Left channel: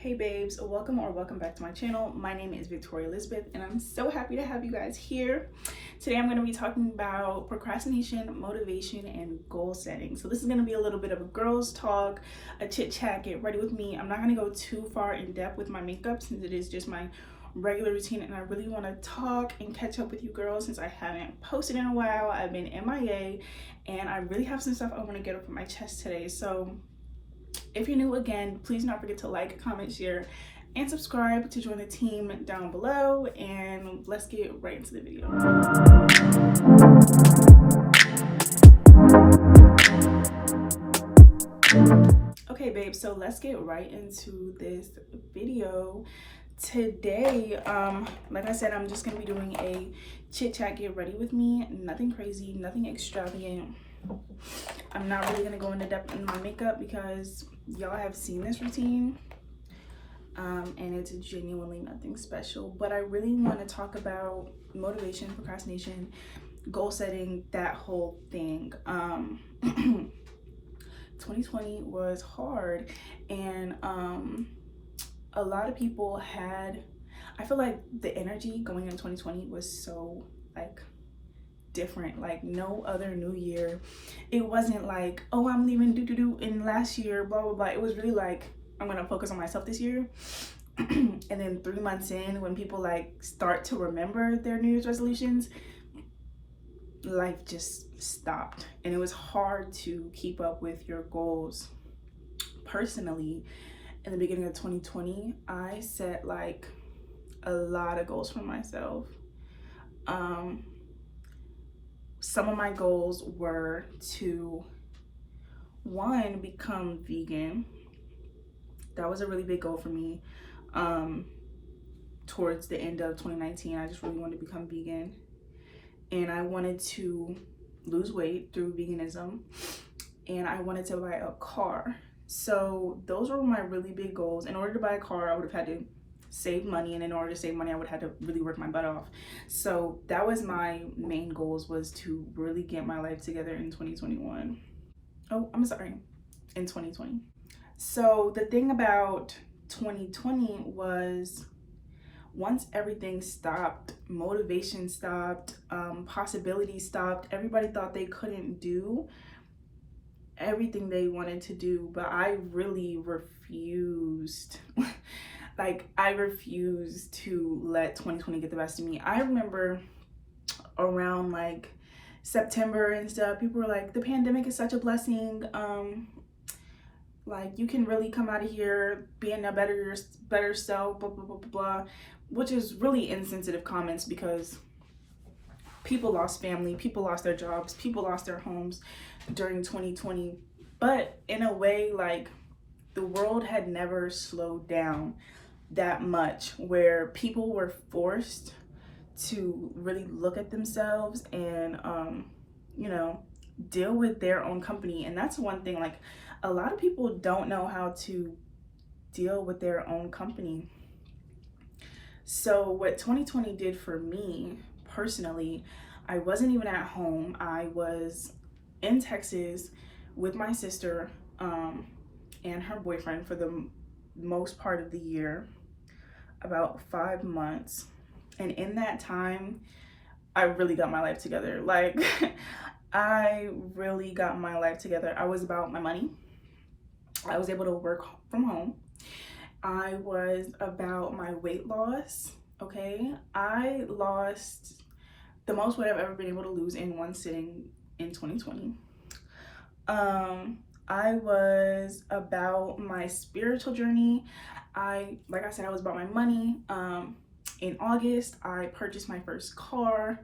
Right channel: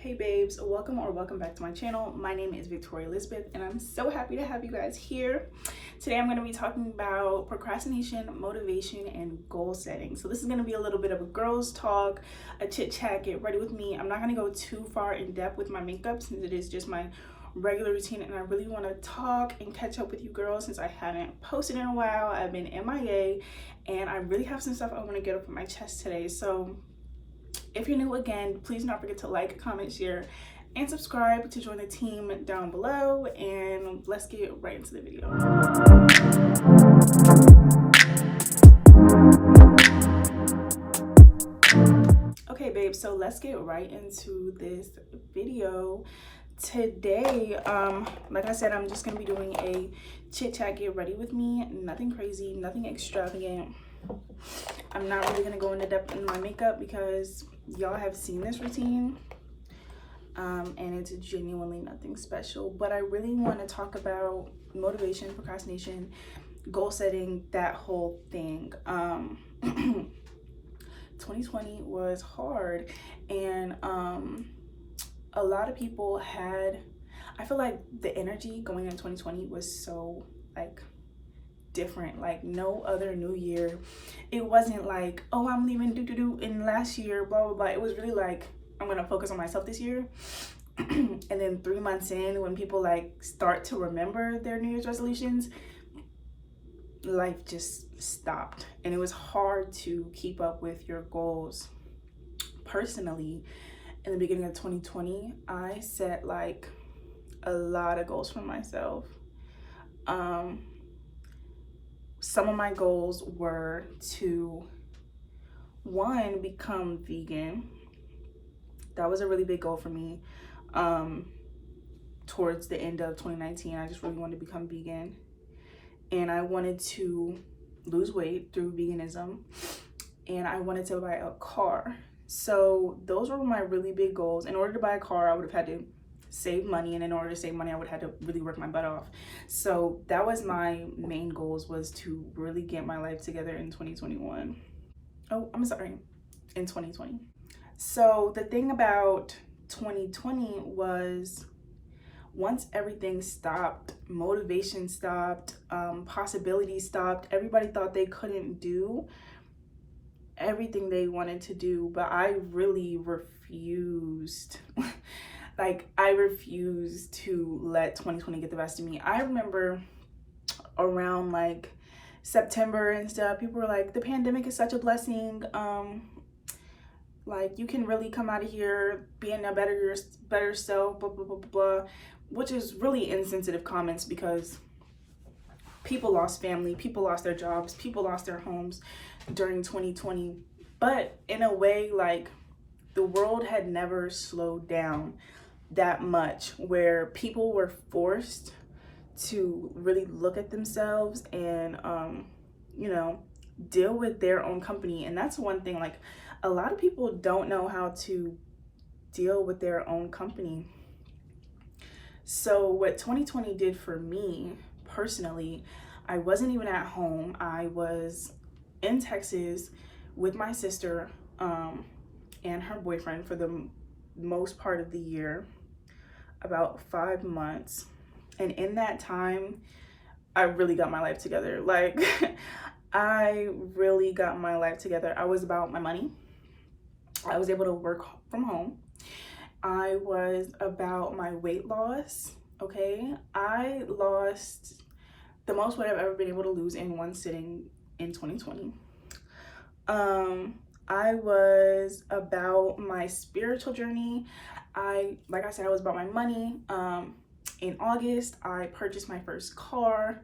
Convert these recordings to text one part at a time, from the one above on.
Hey babes, welcome back to my channel. My name is Victoria Elizabeth and I'm so happy to have you guys here. Today I'm going to be talking about procrastination, motivation, and goal setting. So this is going to be a little bit of a girls talk, a chit chat, get ready with me. I'm not going to go too far in depth with my makeup since it is just my regular routine, and I really want to talk and catch up with you girls since I haven't posted in a while. I've been MIA and I really have some stuff I want to get off my chest today. So if you're new again, please don't forget to like, comment, share, and subscribe to join the team down below. And let's get right into the video. Okay, babe, so let's get right into this video. Today, like I said, I'm just gonna be doing a chit chat, get ready with me. Nothing crazy, nothing extravagant. I'm not really gonna go into depth in my makeup because y'all have seen this routine, and it's genuinely nothing special. But I really want to talk about motivation, procrastination, goal setting, that whole thing. 2020 was hard, and a lot of people had, I feel like the energy going in 2020 was so like different, like no other new year. It wasn't like, oh, I'm leaving in last year, blah blah blah. It was really like, I'm gonna focus on myself this year. And then 3 months in, when people like start to remember their New Year's resolutions, life just stopped, and it was hard to keep up with your goals. Personally, in the beginning of 2020, I set like a lot of goals for myself. Some of my goals were to, one, become vegan. That was a really big goal for me. Towards the end of 2019, I just really wanted to become vegan. And I wanted to lose weight through veganism. And I wanted to buy a car. So those were my really big goals. In order to buy a car, I would have had to save money, and in order to save money I would have had to really work my butt off. So that was my main goals, was to really get my life together in 2021. Oh, I'm sorry, in 2020. So the thing about 2020 was, once everything stopped, motivation stopped, possibilities stopped, everybody thought they couldn't do everything they wanted to do, but I really refused. Like, I refused to let 2020 get the best of me. I remember around like September and stuff, people were like, the pandemic is such a blessing. Like, you can really come out of here being a better self, blah, blah, blah, blah, blah, which is really insensitive comments because people lost family, people lost their jobs, people lost their homes during 2020. But in a way, like, the world had never slowed down that much, where people were forced to really look at themselves and you know, deal with their own company. And that's one thing, like, a lot of people don't know how to deal with their own company. So what 2020 did for me personally, I wasn't even at home. I was in Texas with my sister and her boyfriend for the most part of the year, about 5 months. And in that time, I really got my life together. Like, I really got my life together. I was about my money. I was able to work from home. I was about my weight loss. Okay, I lost the most weight I've ever been able to lose in one sitting in 2020. I was about my spiritual journey. Like I said, I was about my money. In August, I purchased my first car.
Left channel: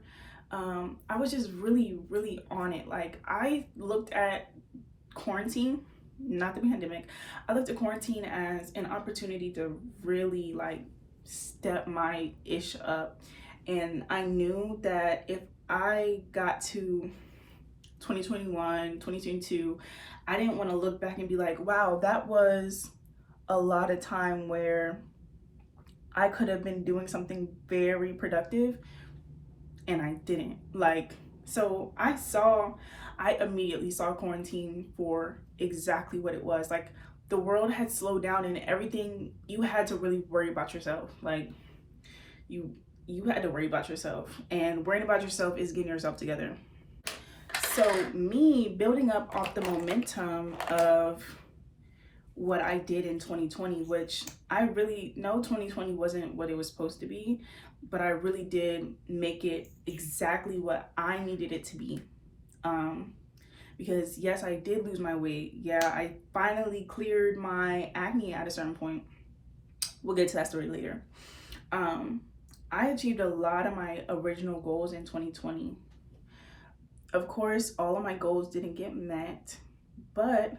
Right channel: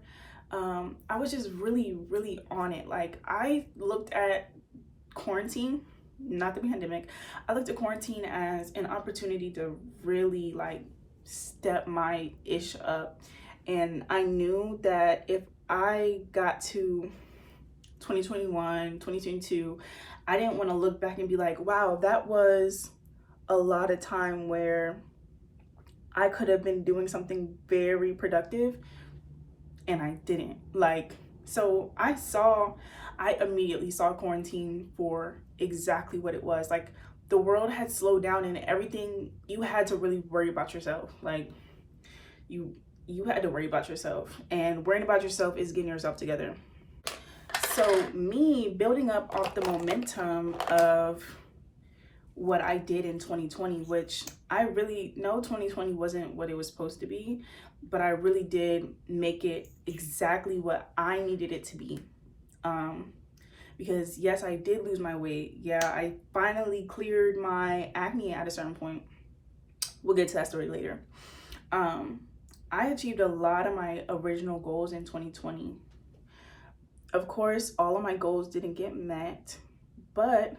I was just really, really on it. Like, I looked at quarantine, not the pandemic, I looked at quarantine as an opportunity to really like step my ish up. And I knew that if I got to 2021, 2022, I didn't want to look back and be like, wow, that was a lot of time where I could have been doing something very productive and I didn't. Like, so I immediately saw quarantine for exactly what it was. Like, the world had slowed down and everything, you had to really worry about yourself. Like you had to worry about yourself, and worrying about yourself is getting yourself together. So me building up off the momentum of what I did in 2020, which I really know 2020 wasn't what it was supposed to be, but I really did make it exactly what I needed it to be. Because yes, I did lose my weight. Yeah, I finally cleared my acne at a certain point. We'll get to that story later. I achieved a lot of my original goals in 2020. Of course, all of my goals didn't get met, but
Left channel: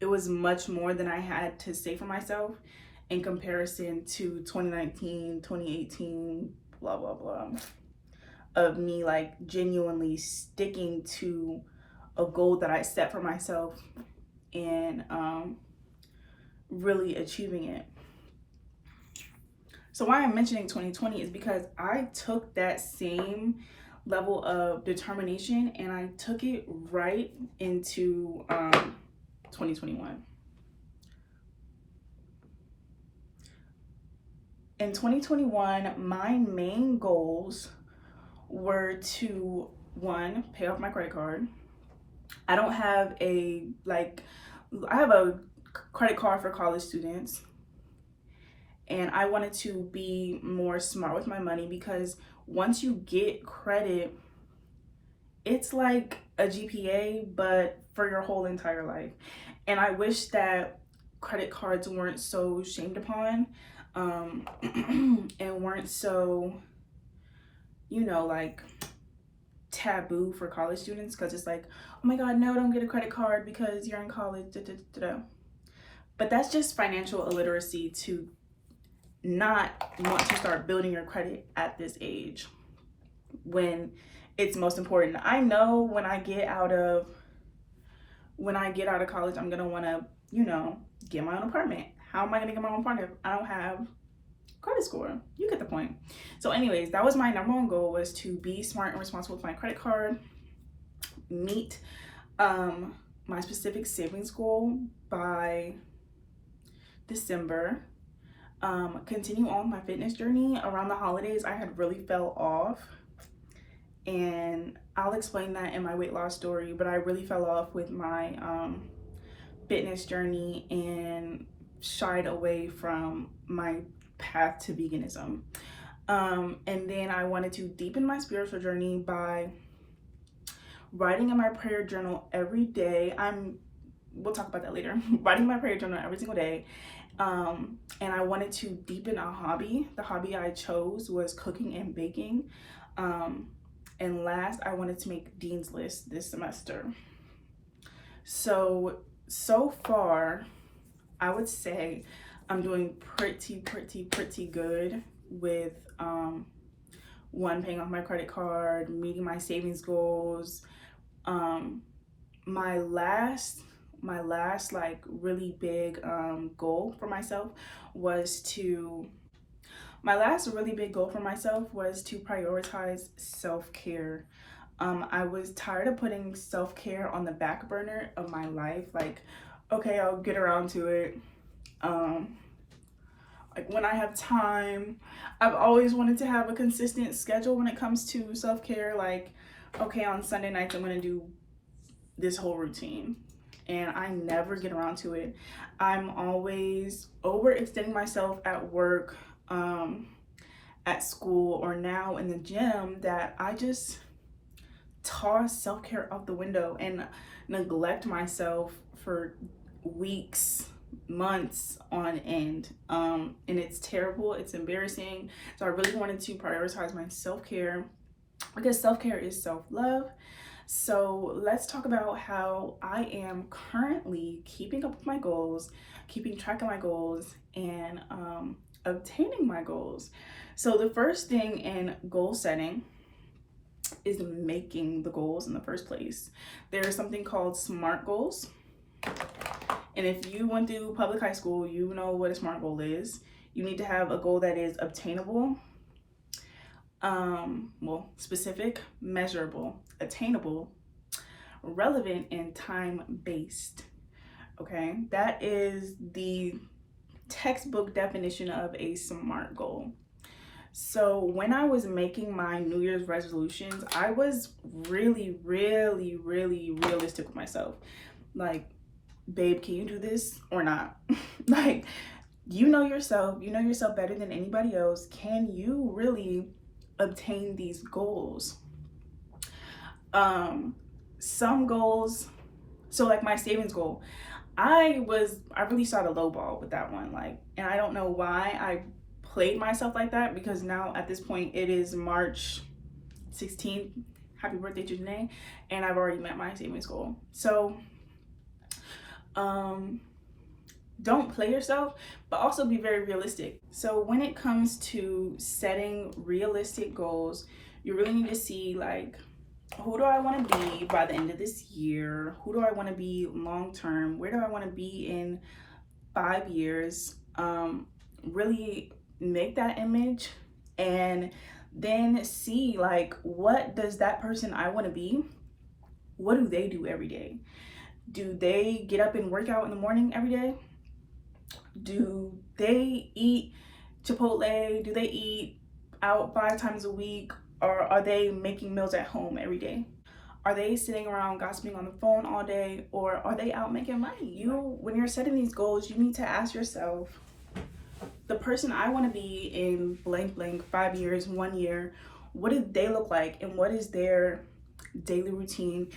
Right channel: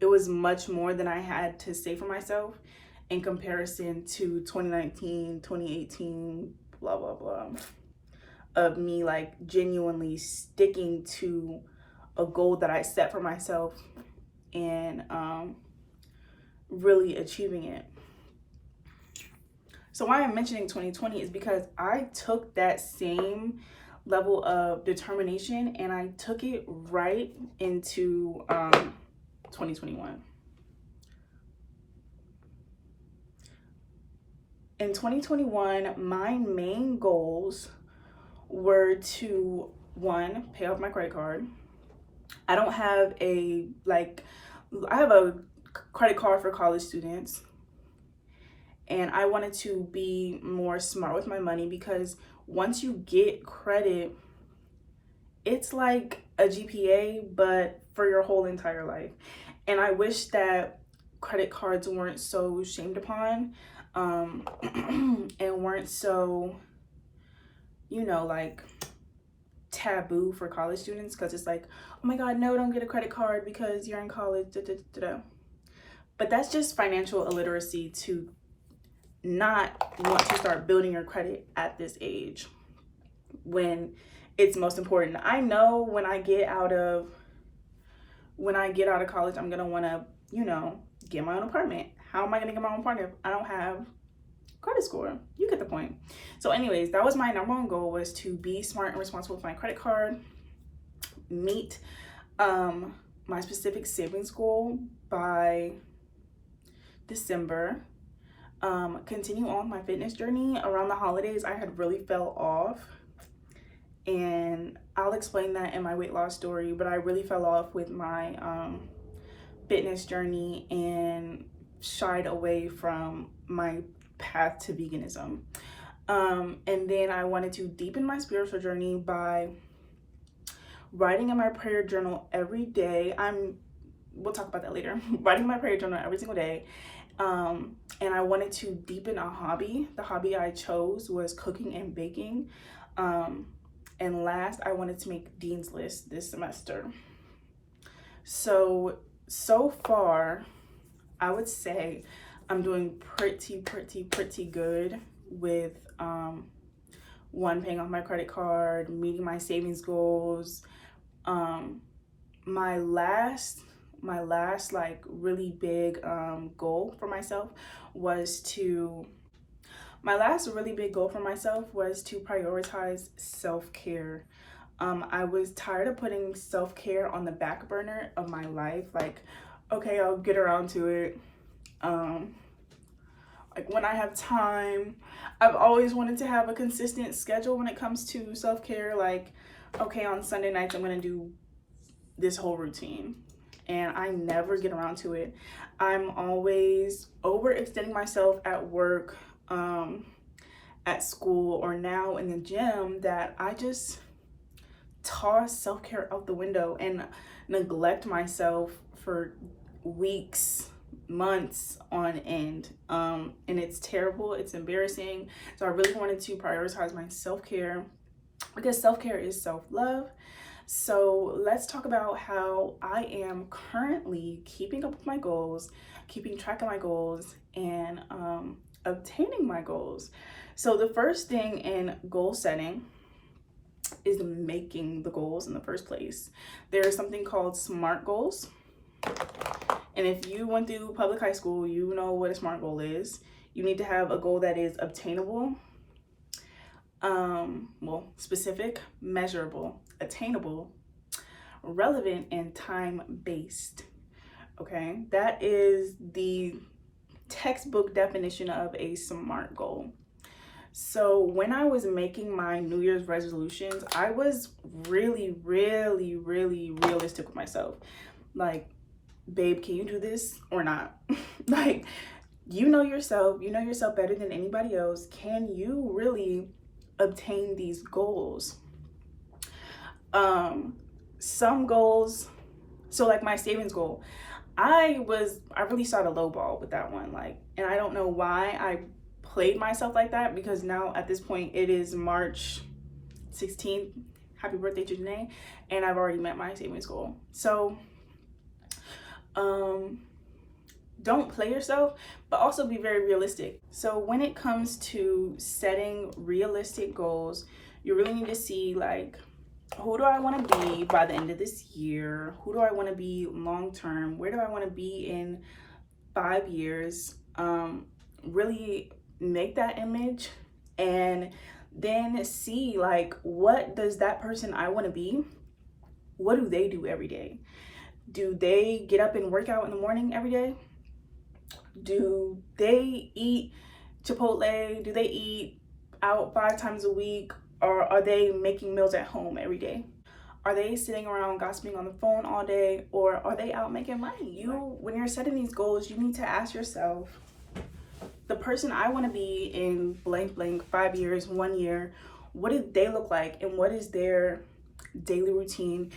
it was much more than I had to say for myself in comparison to 2019, 2018, blah, blah, blah, of me like genuinely sticking to a goal that I set for myself and really achieving it. So why I'm mentioning 2020 is because I took that same level of determination and I took it right into 2021. In 2021, my main goals were to, one, pay off my credit card. I don't have a, I have a credit card for college students. And I wanted to be more smart with my money because once you get credit, it's like a GPA, but for your whole entire life. And I wish that credit cards weren't so shamed upon and weren't so, like taboo for college students, because it's like, oh my God, no, don't get a credit card because you're in college. But that's just financial illiteracy to not want to start building your credit at this age when it's most important. I know when I get out of college, I'm gonna want to, get my own apartment. How am I gonna get my own apartment if I don't have credit score? You get the point. So anyways, that was my number one goal, was to be smart and responsible with my credit card, meet my specific savings goal by December, continue on my fitness journey. Around the holidays, I had really fell off, and I'll explain that in my weight loss story, but I really fell off with my fitness journey and shied away from my path to veganism. And then I wanted to deepen my spiritual journey by writing in my prayer journal every day. We'll talk about that later. Writing my prayer journal every single day. And I wanted to deepen a hobby. The hobby I chose was cooking and baking. And last, I wanted to make Dean's List this semester. So far, I would say I'm doing pretty good with one, paying off my credit card, meeting my savings goals. My last like really big goal for myself was to prioritize self-care. I was tired of putting self-care on the back burner of my life. Like, okay, I'll get around to it. Like when I have time. I've always wanted to have a consistent schedule when it comes to self-care. Like, okay, on Sunday nights, I'm gonna do this whole routine. And I never get around to it. I'm always overextending myself at work, at school, or now in the gym, that I just toss self-care out the window and neglect myself for weeks, months on end. And it's terrible, it's embarrassing. So I really wanted to prioritize my self-care, because self-care is self-love. So let's talk about how I am currently keeping up with my goals, keeping track of my goals, and obtaining my goals. So the first thing in goal setting is making the goals in the first place. There is something called SMART goals. And if you went through public high school, you know what a SMART goal is. You need to have a goal that is obtainable, specific, measurable, attainable, relevant, and time-based. Okay, that is the textbook definition of a SMART goal. So when I was making my New Year's resolutions, I was really, really, really realistic with myself. Like, babe, can you do this or not? Like, you know yourself better than anybody else. Can you really obtain these goals? Some goals, so like my savings goal, I really started low ball with that one. Like, and I don't know why I played myself like that, because now at this point it is March 16th. Happy birthday to Janae, and I've already met my savings goal. So don't play yourself, but also be very realistic. So when it comes to setting realistic goals, you really need to see, like, who do I want to be by the end of this year? Who do I want to be long term? Where do I want to be in 5 years? Really make that image, and then see, like, what does that person I want to be, what do they do every day? Do they get up and work out in the morning every day? Do they eat Chipotle? Do they eat out 5 times a week? Or are they making meals at home every day? Are they sitting around gossiping on the phone all day? Or are they out making money? When you're setting these goals, you need to ask yourself, the person I want to be in blank blank 5 years, 1 year, what do they look like, and what is their daily routine?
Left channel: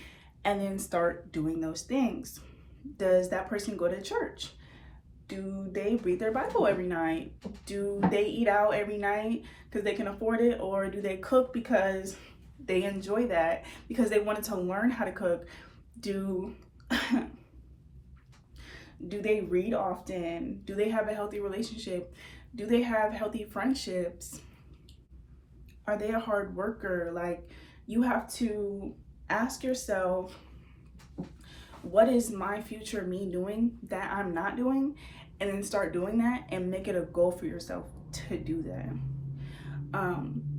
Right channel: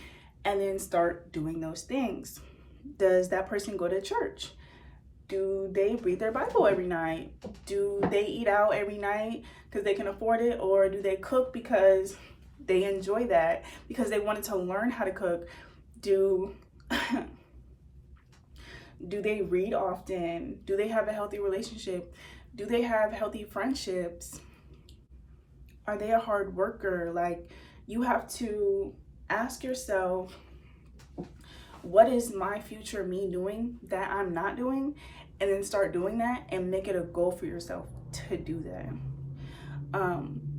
And then start doing those things. Does that person go to church? Do they read their Bible every night? Do they eat out every night because they can afford it? Or do they cook because they enjoy that, because they wanted to learn how to cook? Do they read often? Do they have a healthy relationship? Do they have healthy friendships? Are they a hard worker? Like, you have to ask yourself, what is my future me doing that I'm not doing? And then start doing that and make it a goal for yourself to do that.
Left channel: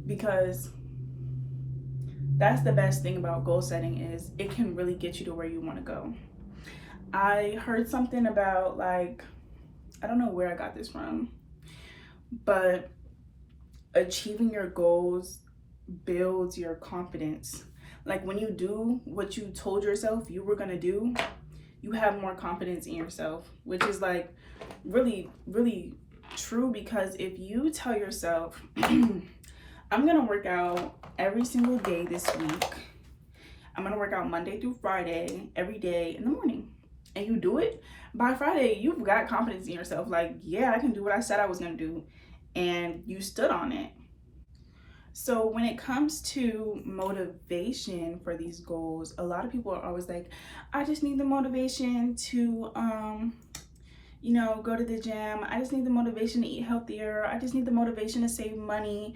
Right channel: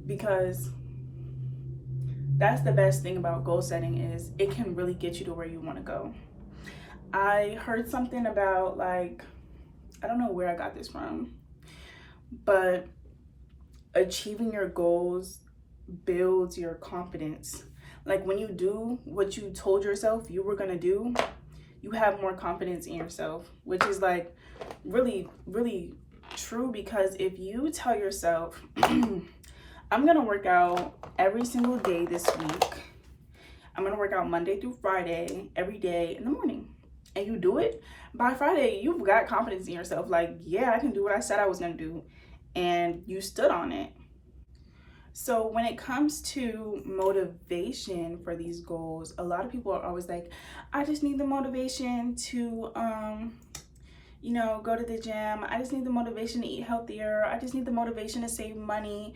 Because that's the best thing about goal setting, is it can really get you to where you want to go. I heard something about, like, I don't know where I got this from, but achieving your goals builds your confidence. Like, when you do what you told yourself you were gonna do, you have more confidence in yourself, which is, like, really, really true. Because if you tell yourself, I'm gonna work out every single day this week, I'm gonna work out Monday through Friday, every day in the morning, and you do it, by Friday, you've got confidence in yourself. Like, yeah, I can do what I said I was gonna do, and you stood on it. So when it comes to motivation for these goals, a lot of people are always like, I just need the motivation to, go to the gym. I just need the motivation to eat healthier. I just need the motivation to save money.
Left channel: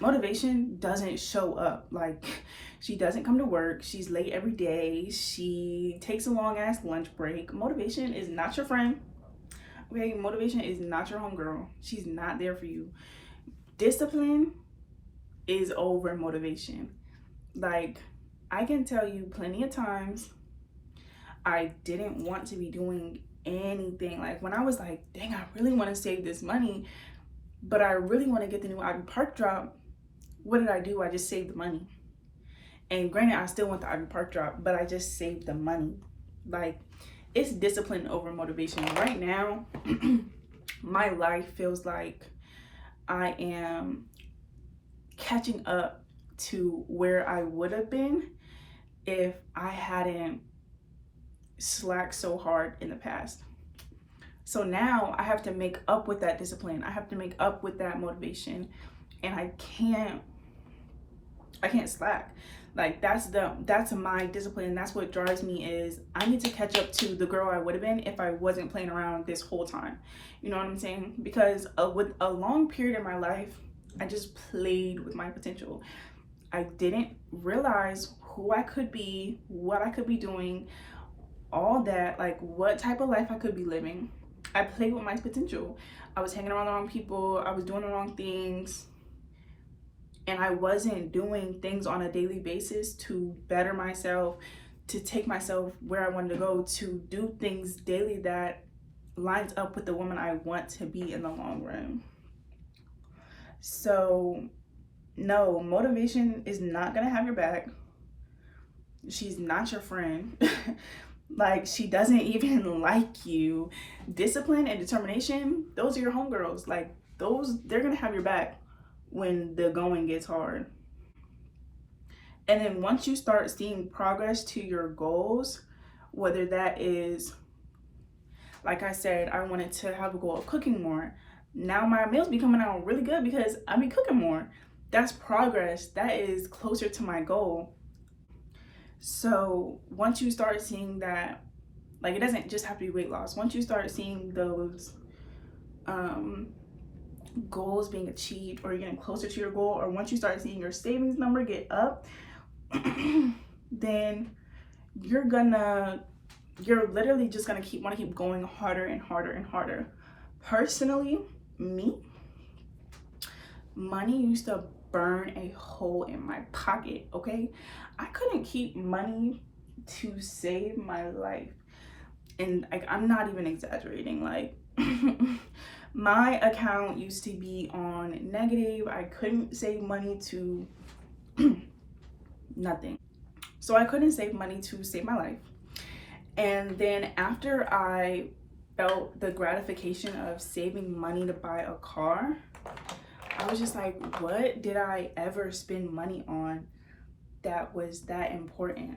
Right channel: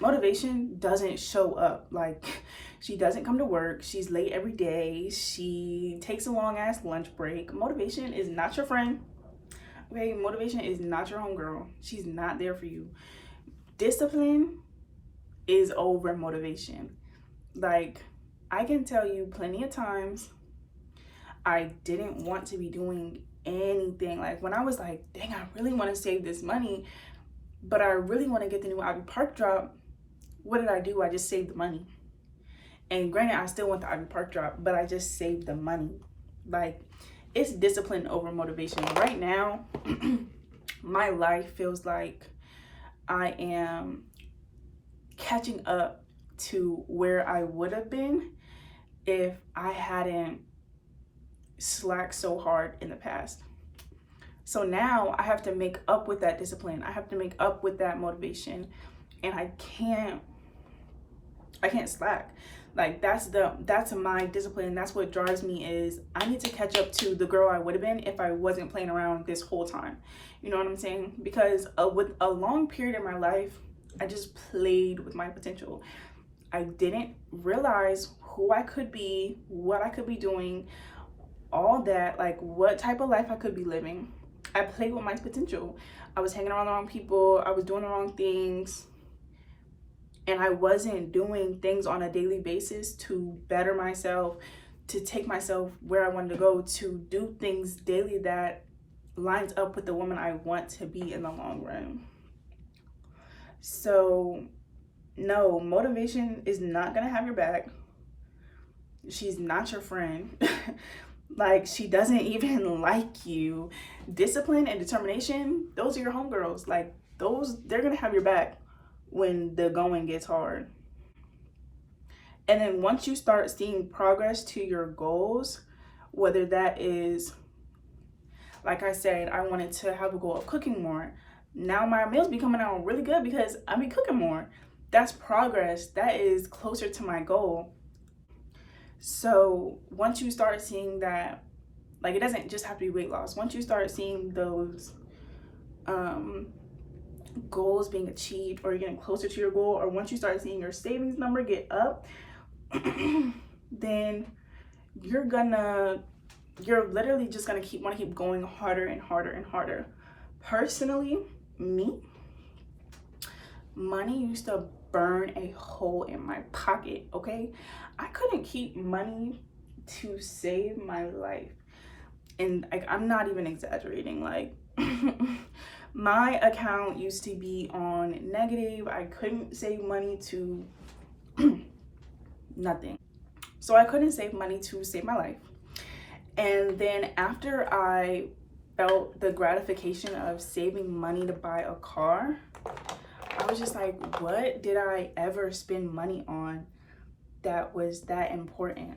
Motivation doesn't show up. Like, she doesn't come to work. She's late every day. She takes a long ass lunch break. Motivation is not your friend. Okay, motivation is not your homegirl. She's not there for you. Discipline is over motivation. Like, I can tell you plenty of times I didn't want to be doing anything. Like, when I was like, dang, I really want to save this money, but I really want to get the new Ivy Park drop. What did I do? I just saved the money. And granted, I still want the Ivy Park drop, but I just saved the money. Like, it's discipline over motivation. Right now, my life feels like I am catching up to where I would have been if I hadn't slacked so hard in the past. So now I have to make up with that discipline. I have to make up with that motivation, and I can't slack. Like, that's my discipline. That's what drives me, is I need to catch up to the girl I would have been if I wasn't playing around this whole time. You know what I'm saying? Because with a long period in my life, I just played with my potential. I didn't realize who I could be, what I could be doing, all that, like what type of life I could be living. I played with my potential. I was hanging around the wrong people. I was doing the wrong things. and I wasn't doing things on a daily basis to better myself, to take myself where I wanted to go, to do things daily that lines up with the woman I want to be in the long run. So no, motivation is not gonna have your back. She's not your friend. Like, she doesn't even like you. Discipline and determination, those are your homegirls. Like, those, they're gonna have your back when the going gets hard. And then once you start seeing progress to your goals, whether that is, like I said, I wanted to have a goal of cooking more. Now my meals be coming out really good because I be cooking more. That's progress. That is closer to my goal. So once you start seeing that, like, it doesn't just have to be weight loss. Once you start seeing those goals being achieved, or you're getting closer to your goal, or once you start seeing your savings number get up, then you're literally just gonna want to keep going harder and harder and harder. Personally, me, money used to burn a hole in my pocket. Okay, I couldn't keep money to save my life, and like, I'm not even exaggerating. Like, my account used to be on negative. I couldn't save money to nothing. So I couldn't save money to save my life. And then after I felt the gratification of saving money to buy a car, I was just like, what did I ever spend money on that was that important?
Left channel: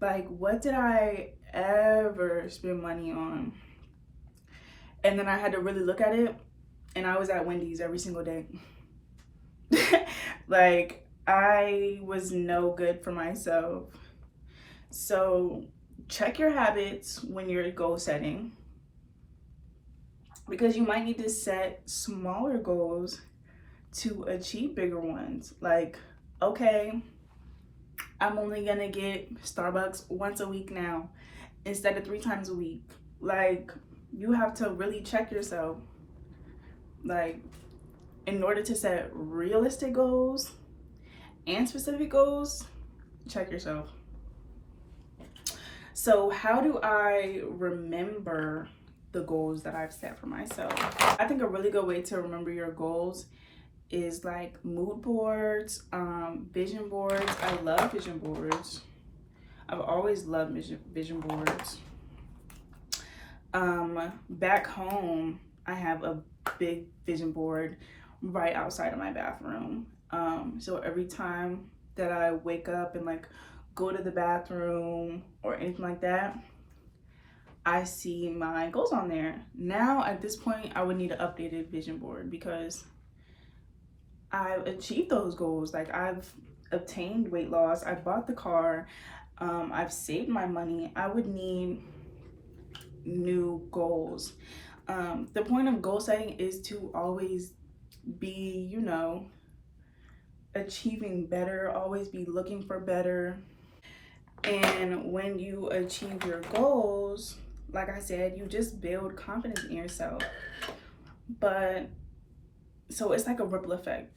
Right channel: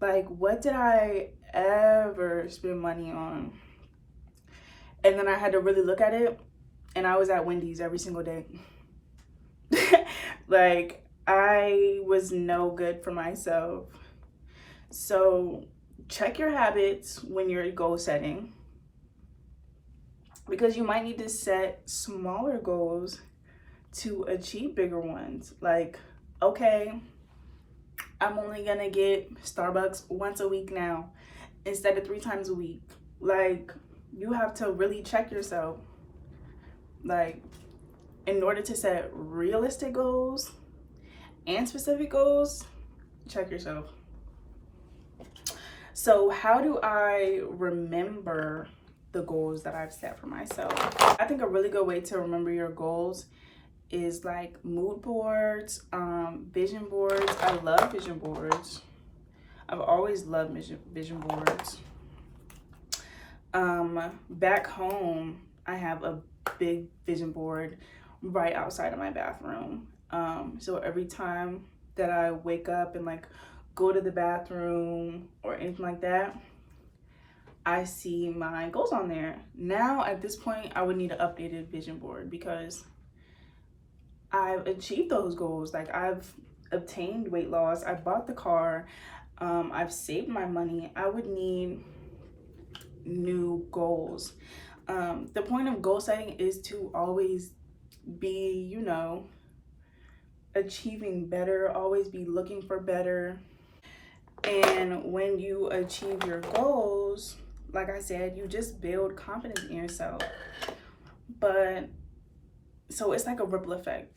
Like, what did I ever spend money on? And then I had to really look at it, and I was at Wendy's every single day. Like, I was no good for myself. So check your habits when you're goal setting, because you might need to set smaller goals to achieve bigger ones. Like, okay, I'm only gonna get Starbucks once a week now instead of 3 times a week. Like, you have to really check yourself. Like, in order to set realistic goals and specific goals, check yourself. So how do I remember the goals that I've set for myself? I think a really good way to remember your goals is like mood boards, vision boards. I love vision boards. I've always loved vision boards. Back home, I have a big vision board right outside of my bathroom. So every time that I wake up and like go to the bathroom or anything like that, I see my goals on there. Now at this point, I would need an updated vision board because I've achieved those goals. Like, I've obtained weight loss, I bought the car, I've saved my money. I would need new goals. The point of goal setting is to always be, you know, achieving better, always be looking for better. And when you achieve your goals, like I said, you just build confidence in yourself. But so it's like a ripple effect,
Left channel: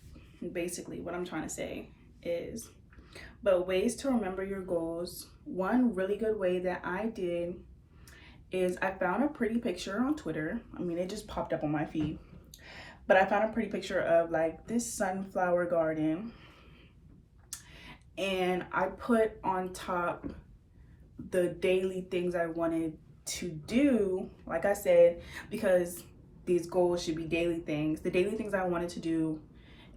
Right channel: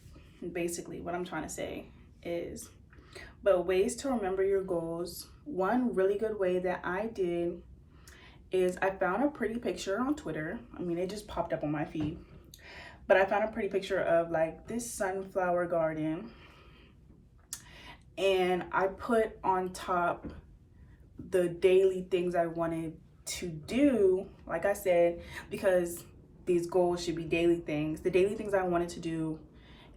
basically. What I'm trying to say is, but ways to remember your goals. One really good way that I did is I found a pretty picture on Twitter. I mean, it just popped up on my feed, but I found a pretty picture of like this sunflower garden, and I put on top the daily things I wanted to do, like I said, because these goals should be daily things, the daily things I wanted to do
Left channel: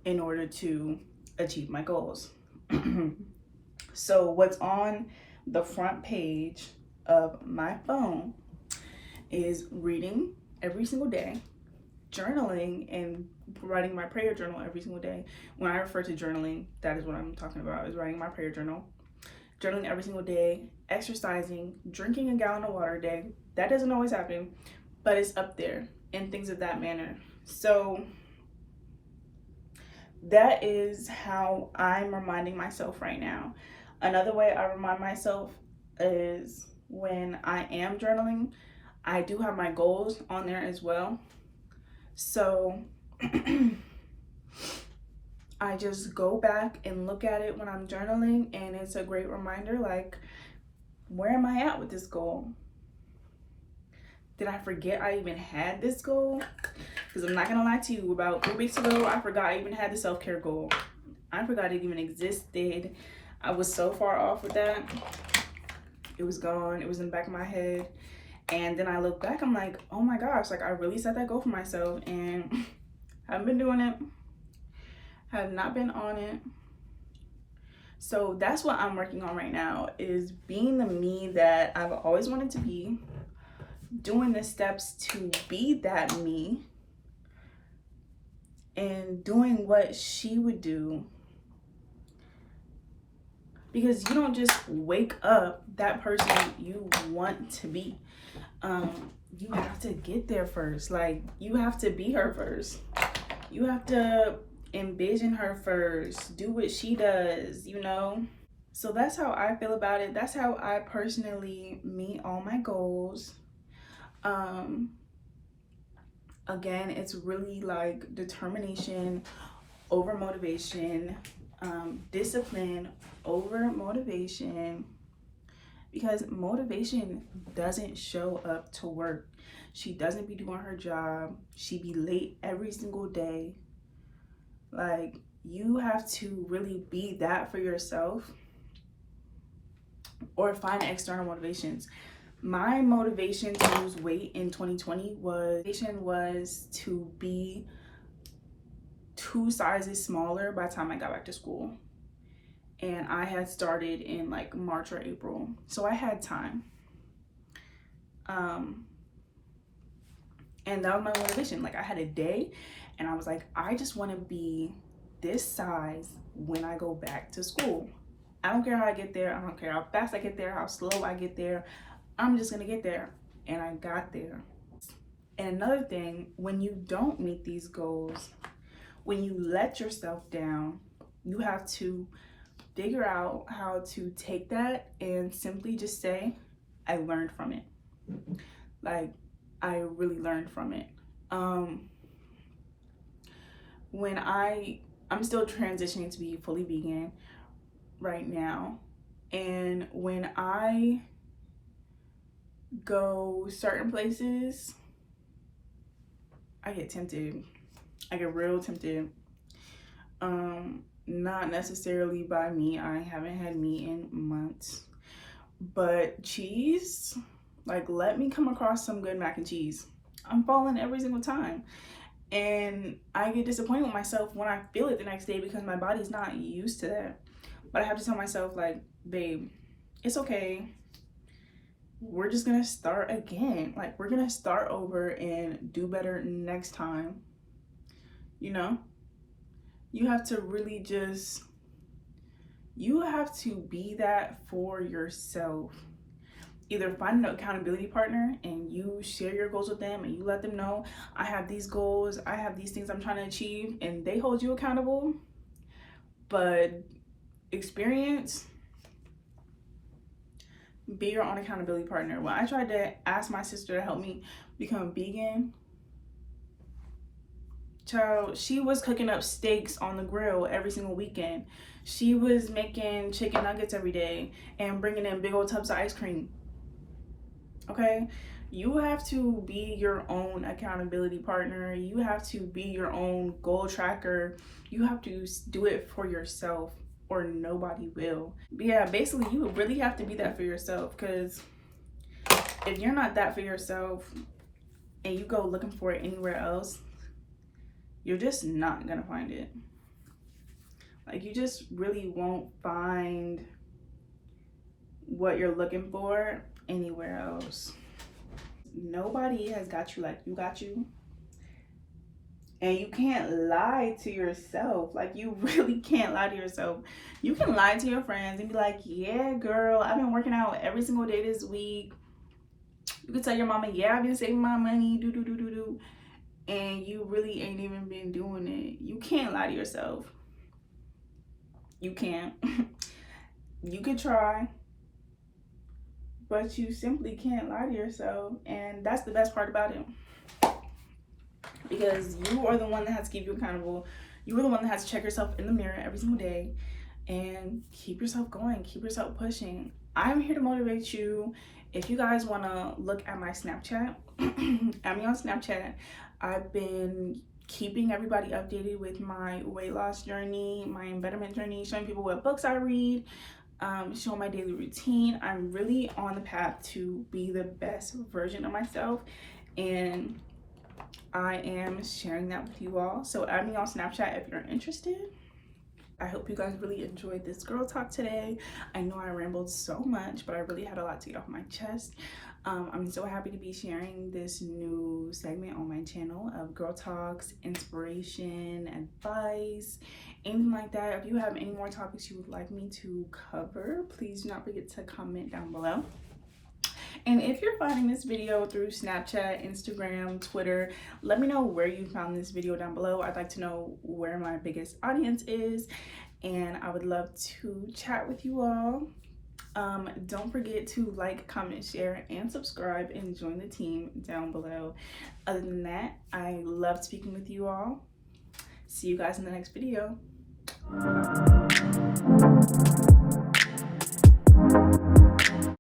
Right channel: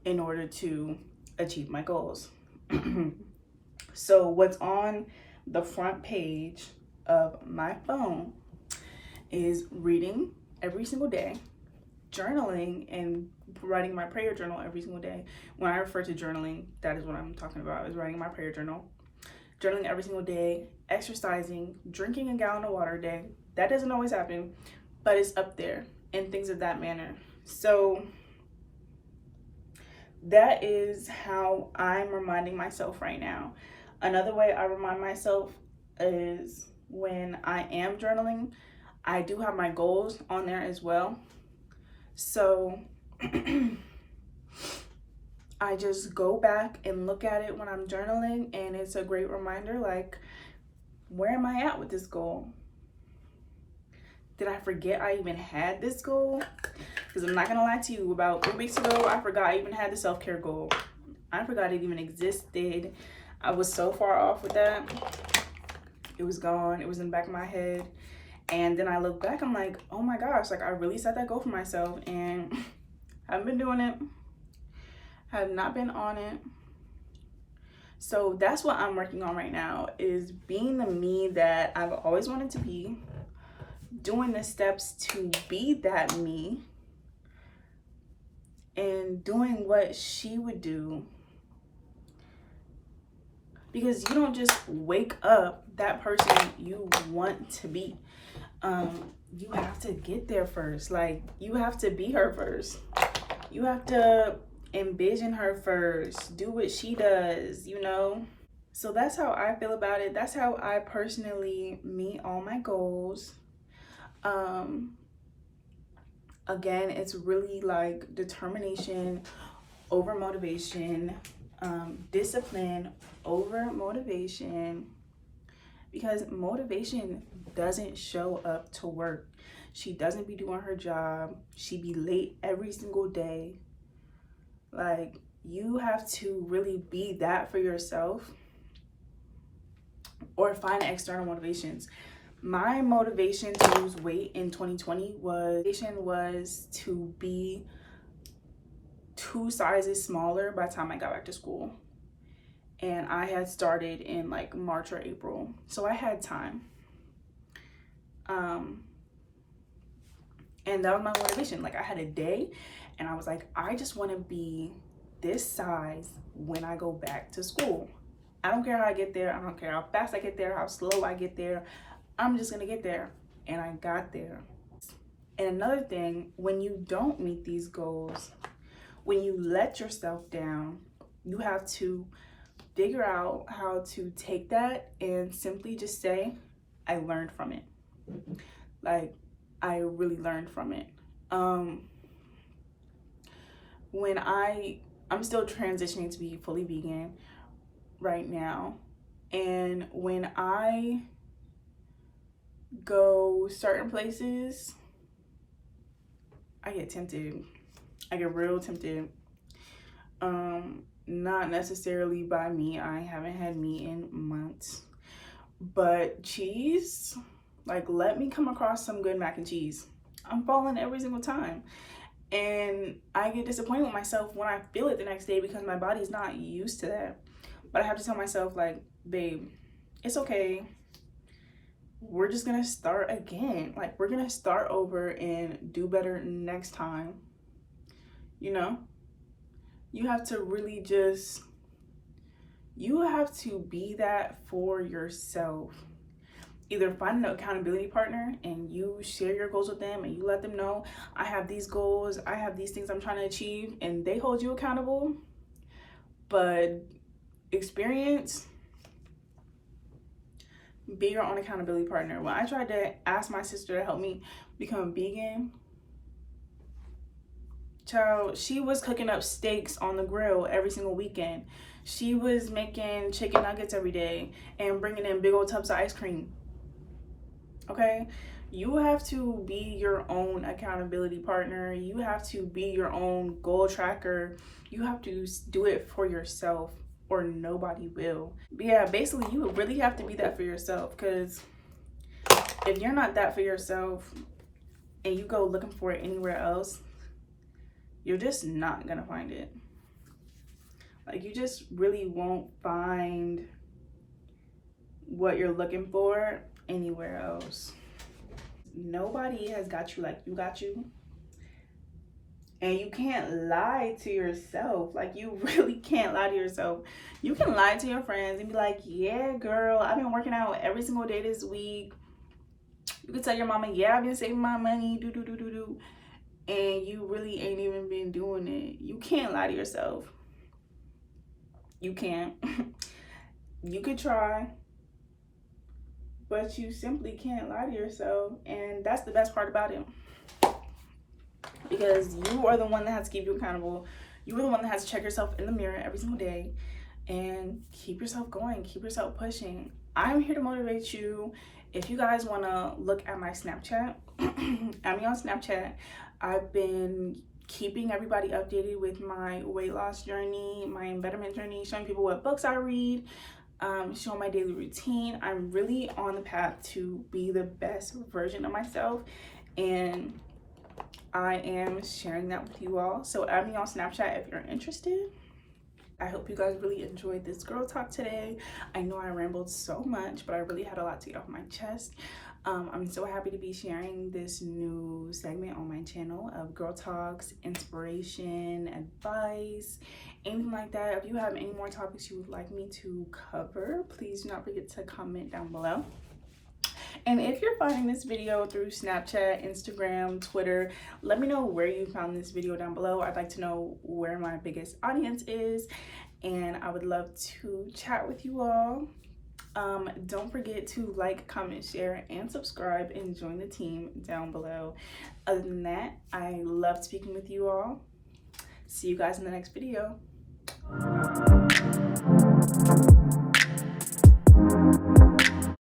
in order to achieve my goals. So what's on the front page of my phone is reading every single day, journaling, and writing my prayer journal every single day. When I refer to journaling, that is what I'm talking about, is writing my prayer journal. Journaling every single day, exercising, drinking a gallon of water a day. That doesn't always happen, but it's up there, and things of that manner. So that is how I'm reminding myself right now. Another way I remind myself is when I am journaling, I do have my goals on there as well. So I just go back and look at it when I'm journaling, and it's a great reminder, like, where am I at with this goal? Did I forget I even had this goal? Because I'm not gonna lie to you, about 3 weeks ago, I forgot I even had the self-care goal. I forgot it even existed. I was so far off with that. It was gone. It was in the back of my head. And then I look back, I'm like, oh my gosh, like I really set that goal for myself, and I haven't been doing it. Have not been on it. So that's what I'm working on right now, is being the me that I've always wanted to be, doing the steps to be that me, and doing what she would do. Because you don't just wake up that person you want to be. You have to get there first. Like, you have to be her first. You have to envision her first. Do what she does, you know? So that's how I feel about it. That's how I personally meet all my goals. Again, it's really like determination over motivation, discipline over motivation, because motivation doesn't show up to work. She doesn't be doing her job. She be late every single day. Like, you have to really be that for yourself, or find external motivations. My motivation to lose weight in 2020 was to be 2 sizes smaller by the time I got back to school. And I had started in like March or April. So I had time. And that was my motivation. Like, I had a day and I was like, I just want to be this size when I go back to school. I don't care how I get there. I don't care how fast I get there, how slow I get there. I'm just gonna get there. And I got there. And another thing, when you don't meet these goals, when you let yourself down, you have to figure out how to take that and simply just say, I learned from it. Like, I really learned from it. When I'm still transitioning to be fully vegan right now. And when I go certain places, I get tempted. I get real tempted. Not necessarily by meat. I haven't had meat in months. But cheese, like, let me come across some good mac and cheese. I'm falling every single time. And I get disappointed with myself when I feel it the next day, because my body's not used to that. But I have to tell myself, like, babe, it's okay. We're just gonna start again. Like, we're gonna start over and do better next time. You know? You have to really just, you have to be that for yourself. Either find an accountability partner and you share your goals with them and you let them know, I have these goals, I have these things I'm trying to achieve, and they hold you accountable. But experience, be your own accountability partner. When I tried to ask my sister to help me become vegan, child, she was cooking up steaks on the grill every single weekend. She was making chicken nuggets every day and bringing in big old tubs of ice cream. Okay? You have to be your own accountability partner. You have to be your own goal tracker. You have to do it for yourself, or nobody will. But yeah, basically, you really have to be that for yourself, because if you're not that for yourself and you go looking for it anywhere else, you're just not gonna find it. Like, you just really won't find what you're looking for anywhere else. Nobody has got you like you got you. And you can't lie to yourself. Like, you really can't lie to yourself. You can lie to your friends and be like, yeah, girl, I've been working out every single day this week. You can tell your mama, yeah, I've been saving my money, do. And you really ain't even been doing it. You can't lie to yourself. You can't. You could try, but you simply can't lie to yourself. And that's the best part about it, because you are the one that has to keep you accountable. You are the one that has to check yourself in the mirror every single day and keep yourself going, keep yourself pushing. I'm here to motivate you. If you guys want to look at my Snapchat, add me on Snapchat. I've been keeping everybody updated with my weight loss journey, my embetterment journey, showing people what books I read, showing my daily routine. I'm really on the path to be the best version of myself, and I am sharing that with you all. So add me on Snapchat if you're interested. I hope you guys really enjoyed this girl talk today. I know I rambled so much, but I really had a lot to get off my chest. I'm so happy to be sharing this new segment on my channel of girl talks, inspiration, advice, anything like that. If you have any more topics you would like me to cover, please do not forget to comment down below. And if you're finding this video through Snapchat, Instagram, Twitter, let me know where you found this video down below. I'd like to know where my biggest audience is, and I would love to chat with you all. Don't forget to like, comment, share, and subscribe, and join the team down below. Other than that, I love speaking with you all. See you guys in the next video. Bye.